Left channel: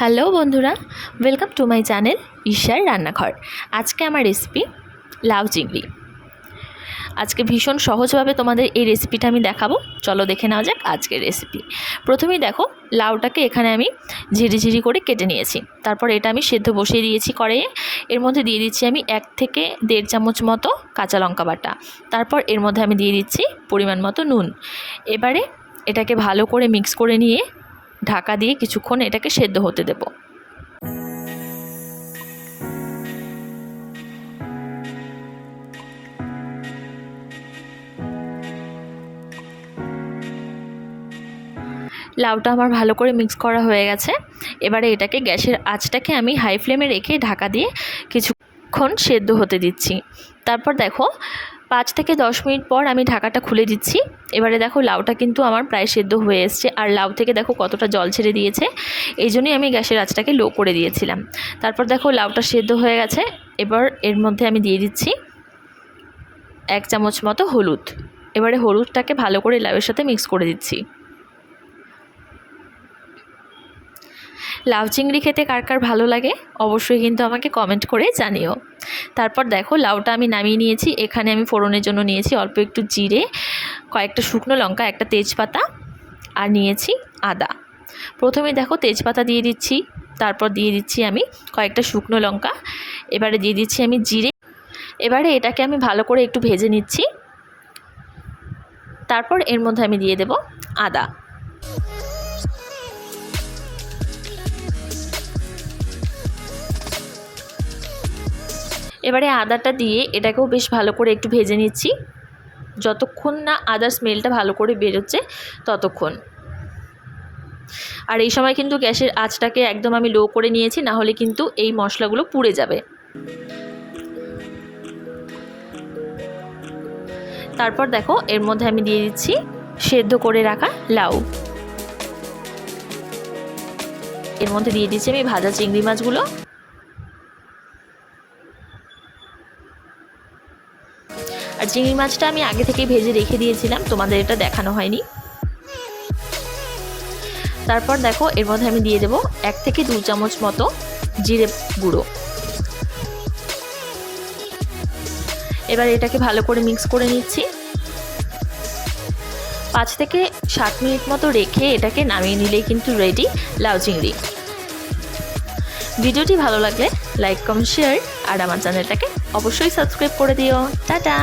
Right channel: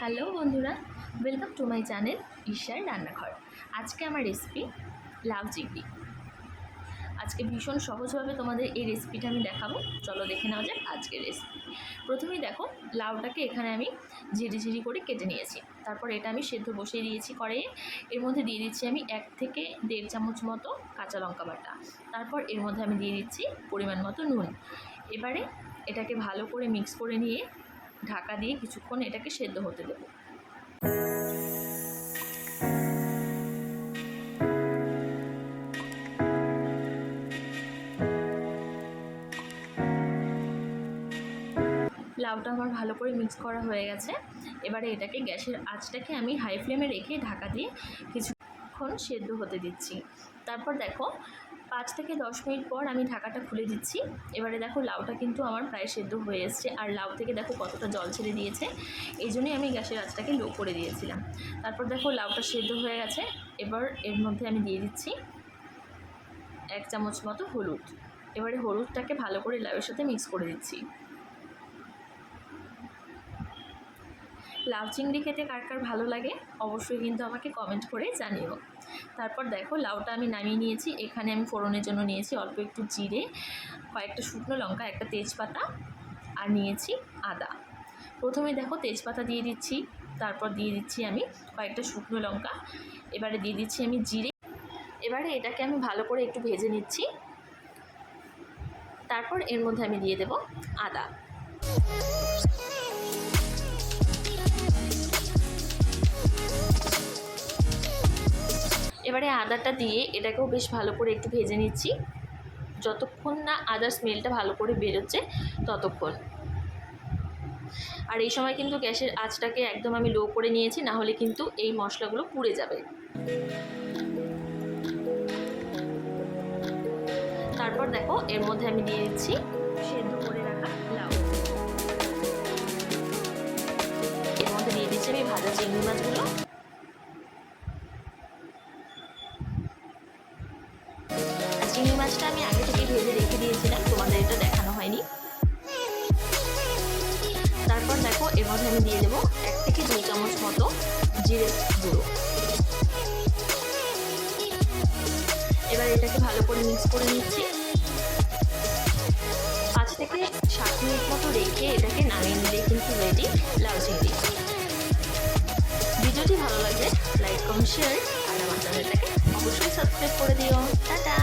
Hello বন্ধুরা, welcome to my channel ঈশার রান্নাঘর। আজকে আমার রেসিপি লাউ চিংড়ি। আজকে ভীষণ সহজভাবে তোমাদের এই রেসিপিটা আমি দেখাবো। চলো দেখে নেওয়া যাক আজকের রেসিপি। প্রথমেই দেখো, লাউটাকে এখানে আমি ঝিরিঝিরি করে কেটে নিয়েছি। তারপর এটা আমি সেদ্ধ বসিয়ে দিয়েছি কড়াইয়ে। এর মধ্যে দিয়ে দিচ্ছি আমি 1 থেকে 1.5 চামচ মতো কাঁচা লঙ্কা বাটা। তারপর এর মধ্যে আমি দিয়ে দিচ্ছি পরিমাণ মতো নুন। এবারে এটাকে ভালো করে মিক্স করে নিয়ে ঢাকা দিয়ে কিছুক্ষণ এটাকে সেদ্ধ হতে দেব। লাউটা আমার ভালো করে মিক্স করা হয়ে গেছে। এবারে এটাকে গ্যাসের আঁচটাকে আমি হাই ফ্লেমে রেখে ঢাকা দিয়ে কিছুক্ষণ সেদ্ধ হতে দিচ্ছি। তারপর দেখো 5 থেকে 10 মিনিট পর আমি ঢাকাটা খুলে দিচ্ছি। এবারে দেখো লাউটা কিন্তু আমার প্রায় সেদ্ধ হয়ে এসছে, আর লাউ থেকে দেখো কতটা জল ছেড়ে দিয়েছে। এই জন্যই আমি গ্যাসের আঁচটাকে লো করে দিয়েছিলাম। তারপর দেখো লাউটা সেদ্ধ হয়ে গেছে। এবার এর মধ্যে আমি দিয়ে দিচ্ছি 1 চামচ মতো হলুদ। এবারে হলুদটাকে ভালো করে লাউয়ের সাথে মিক্স করে দিচ্ছি। লাউ চিংড়ি খেতে কার কার ভালো লাগে অবশ্যই কিন্তু আমাকে কমেন্ট করে জানিও। তারপর দেখো লাউটা আমি নামিয়ে নিয়েছি। এখানে আমি ফোড়নের জন্য নিয়েছি অল্প একটু জিরে, কয়েকটা শুকনো লঙ্কা, একটা তেজপাতা, আর নিয়েছি আদা। প্রথমে দেখো তেজপাতা দিয়ে দিচ্ছি, তারপর দিয়ে দিচ্ছি আমি কয়েকটা শুকনো লঙ্কা, এবারে দিয়ে দিচ্ছি আমি জিরে। এবারে এটাকে আমি ভালো করে একটু ভেজে নিচ্ছি। তারপর এর মধ্যে আমি দিয়ে দেব আদা। এবারে আদাটা দিয়ে এটাকেও বেশ ভালো করে একটু ভেজে নিচ্ছি, যতক্ষণ না আদার স্মেলটা ভালো করে বেরোচ্ছে ততক্ষণ। আর এই সময় কিন্তু গ্যাসের আঁচটাকে একদম আমি লো করে নিয়েছি, না হলে কিন্তু এই মশলাগুলো পুড়ে যাবে। তারপর দেখো এর মধ্যে আমি দিয়ে দিচ্ছি সেদ্ধ করে রাখা লাউ। এর মধ্যে দিয়ে দিচ্ছি আমি ভাজা চিংড়ি মাছগুলো। আর চিংড়ি মাছটা আমি আগে থেকে ভেজে রেখে দিয়েছিলাম, তোমাদের এটা দেখানো হয়নি। তারপর দেখো এর মধ্যে আমি দিয়ে দেবো 1 থেকে 2 চামচ মতো জিরে গুঁড়ো। এবার এটাকে ভালো করে মিক্স করে নিচ্ছি। 5 থেকে 7 মিনিট মতো রেখে এটাকে নামিয়ে নিলেই কিন্তু রেডি লাউ চিংড়ি। ভিডিওটি ভালো লাগলে লাইক, কমেন্ট, শেয়ার, আর আমার চ্যানেলটাকে অবশ্যই সাবস্ক্রাইব করে দিও। টাটা।